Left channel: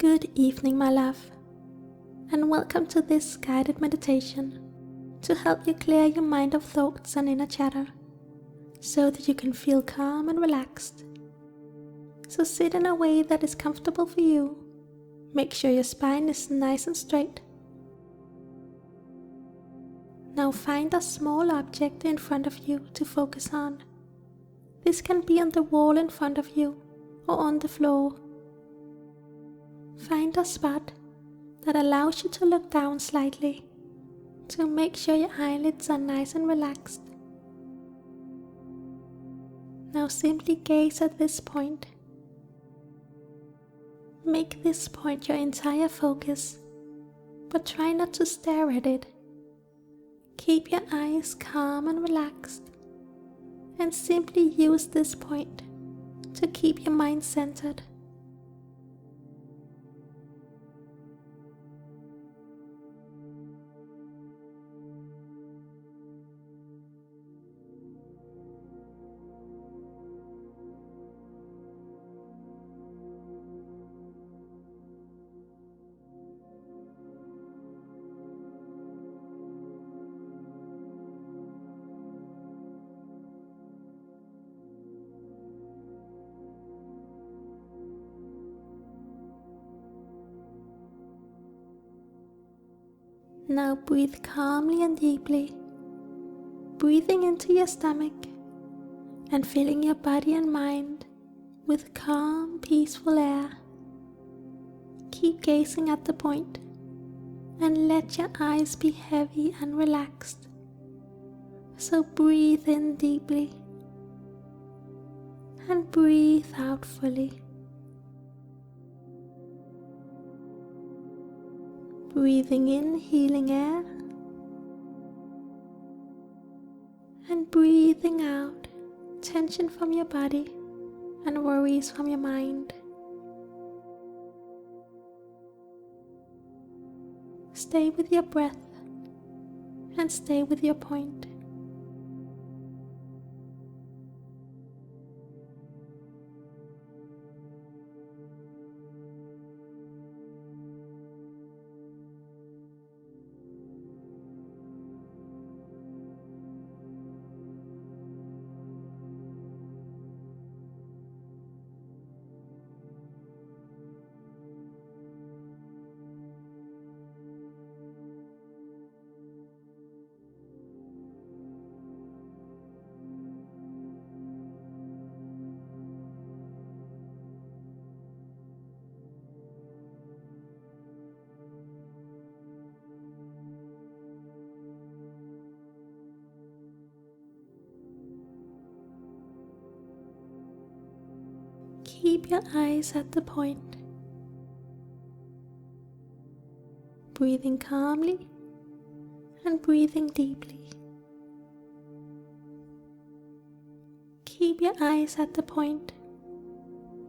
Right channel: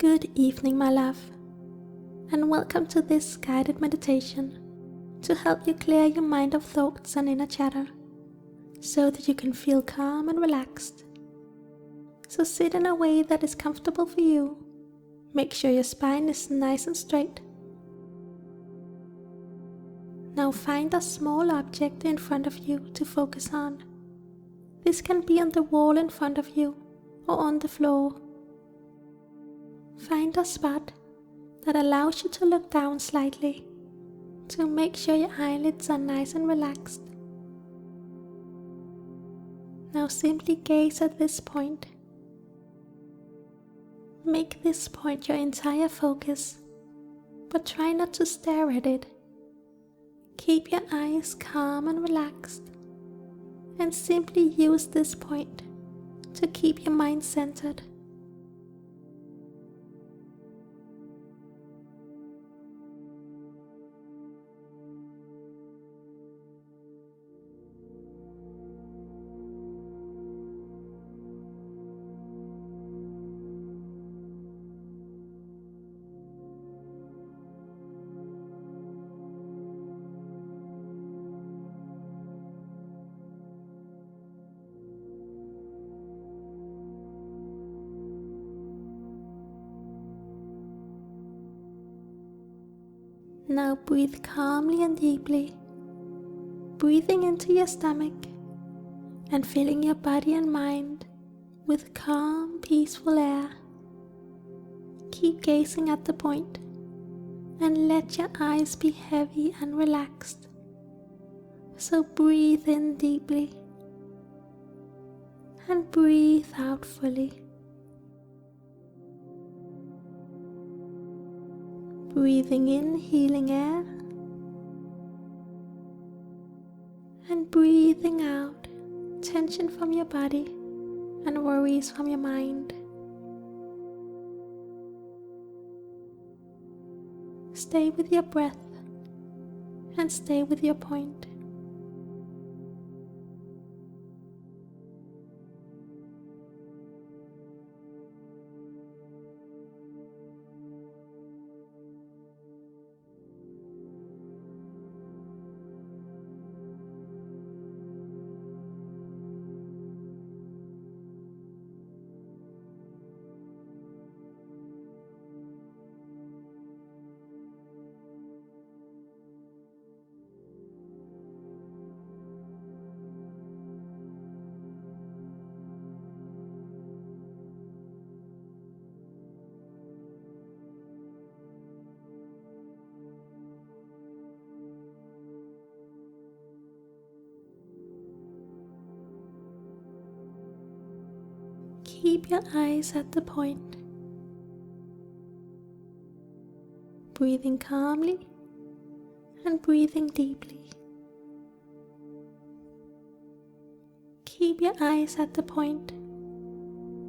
Good evening, my love, and welcome to this guided meditation to help you clear your mind of thoughts and inner chatter so that you can feel calm and relaxed. So sit in a way that is comfortable for you. Make sure your spine is nice and straight. Now find a small object in front of you to focus on. This can be on the wall in front of you or on the floor. Find a spot that allows you to look down slightly to make sure your eyelids are nice and relaxed. Now simply gaze at this point. Make this point your entire focus, but try not to stare at it. Keep your eyes calm and relaxed, and simply use this point to keep your mind centered. Now breathe calmly and deeply, breathing into your stomach and filling your body and mind with calm, peaceful air. Keep gazing at the point and let your eyes be heavy and relaxed. So breathe in deeply and breathe out fully. Breathing in healing air and breathing out tension from your body and worries from your mind. Stay with your breath and stay with your point. Keep your eyes at the point, breathing calmly and breathing deeply. Keep your eyes at the point,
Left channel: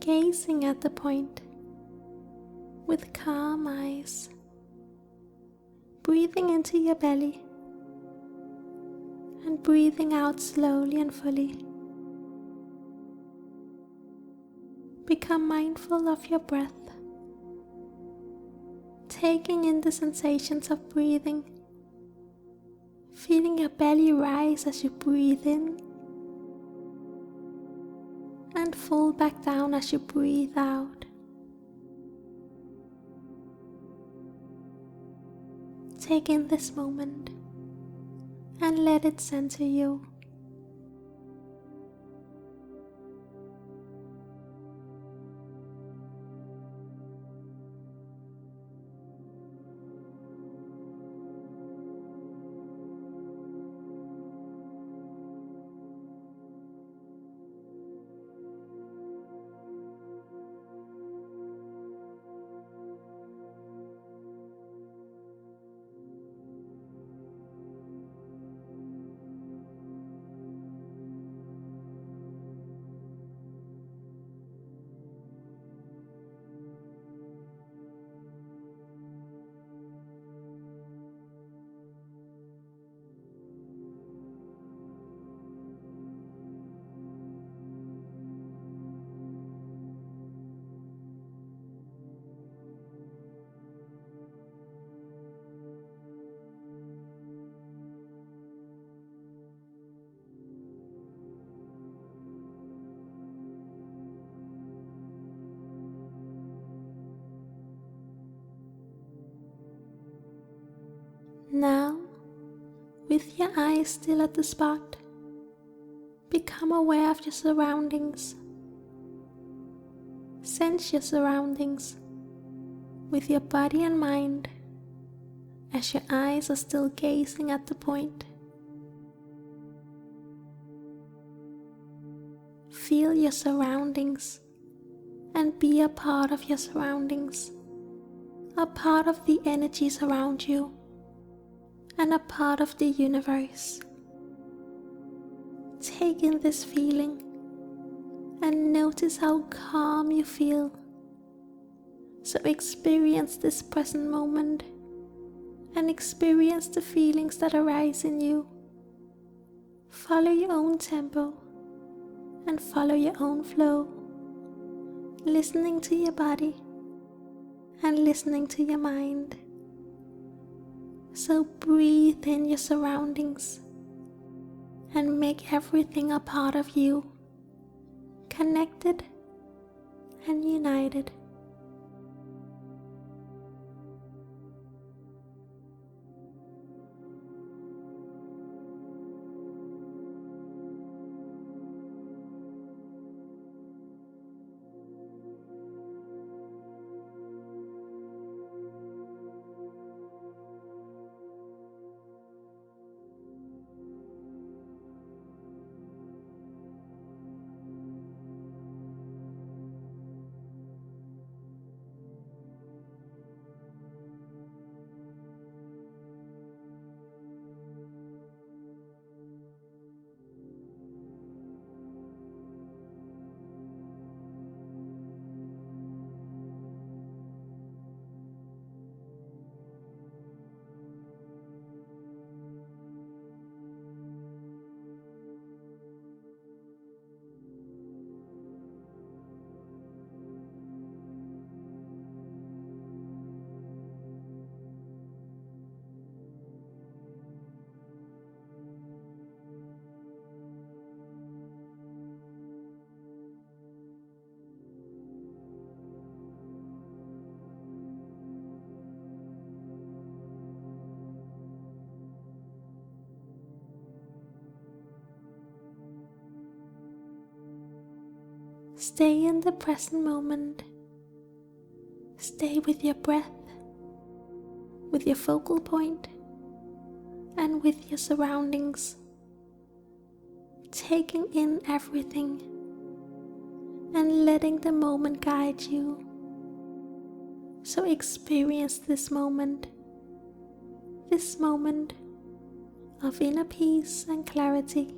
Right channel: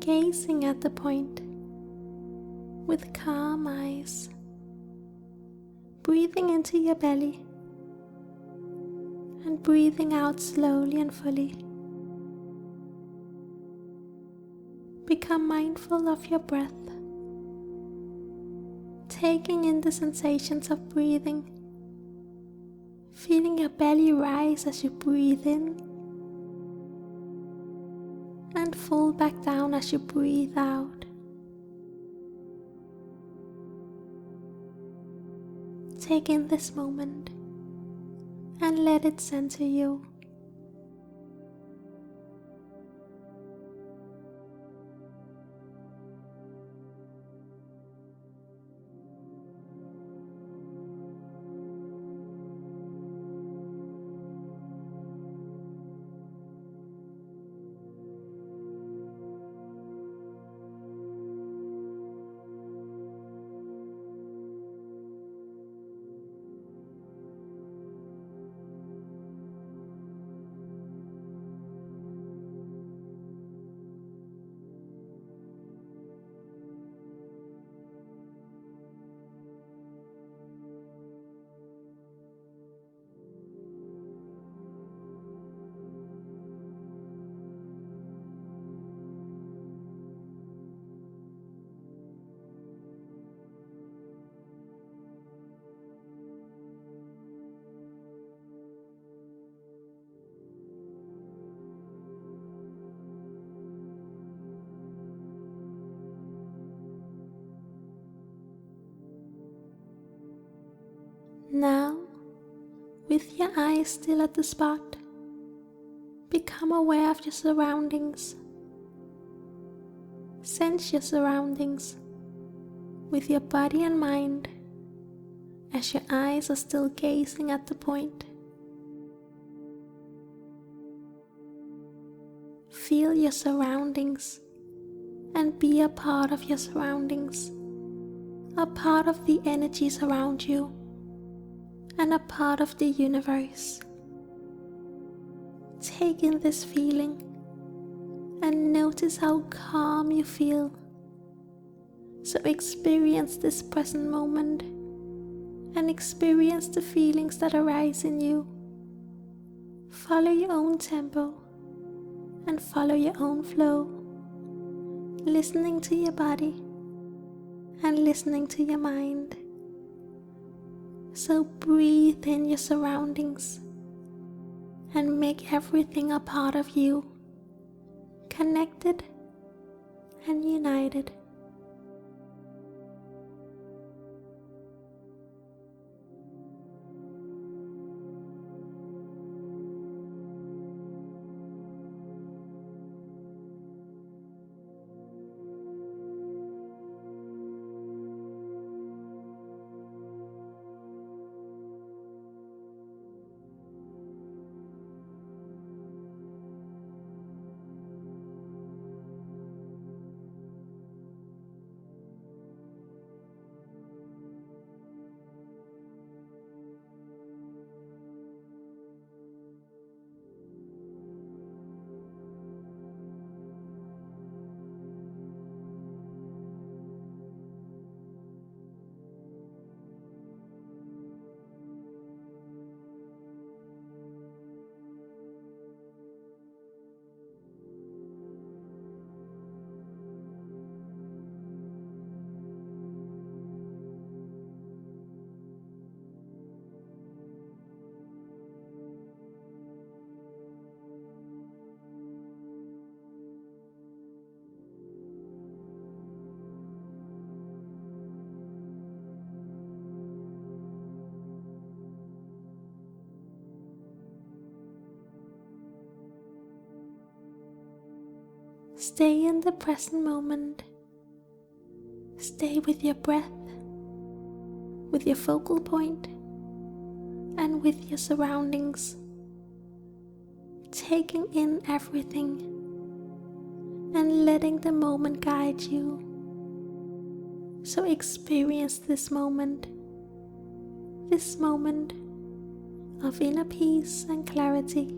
gazing at the point with calm eyes, breathing into your belly and breathing out slowly and fully. Become mindful of your breath, taking in the sensations of breathing, feeling your belly rise as you breathe in and fall back down as you breathe out. Take in this moment and let it center you. With your eyes still at the spot, become aware of your surroundings. Sense your surroundings with your body and mind as your eyes are still gazing at the point. Feel your surroundings and be a part of your surroundings, a part of the energies around you, and a part of the universe. Take in this feeling and notice how calm you feel. So experience this present moment and experience the feelings that arise in you. Follow your own tempo and follow your own flow, listening to your body and listening to your mind. So breathe in your surroundings and make everything a part of you, connected and united. Stay in the present moment. Stay with your breath, with your focal point, and with your surroundings. Taking in everything and letting the moment guide you. So experience this moment of inner peace and clarity.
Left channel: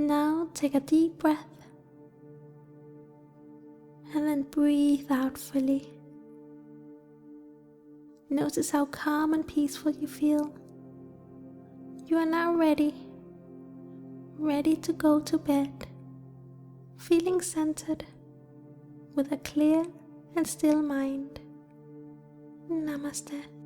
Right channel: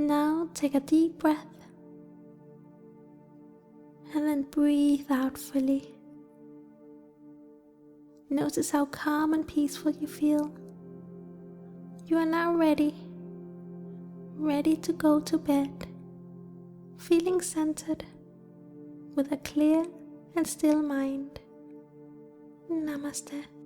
Now take a deep breath and then breathe out fully. Notice how calm and peaceful you feel. You are now ready to go to bed, feeling centered with a clear and still mind. Namaste.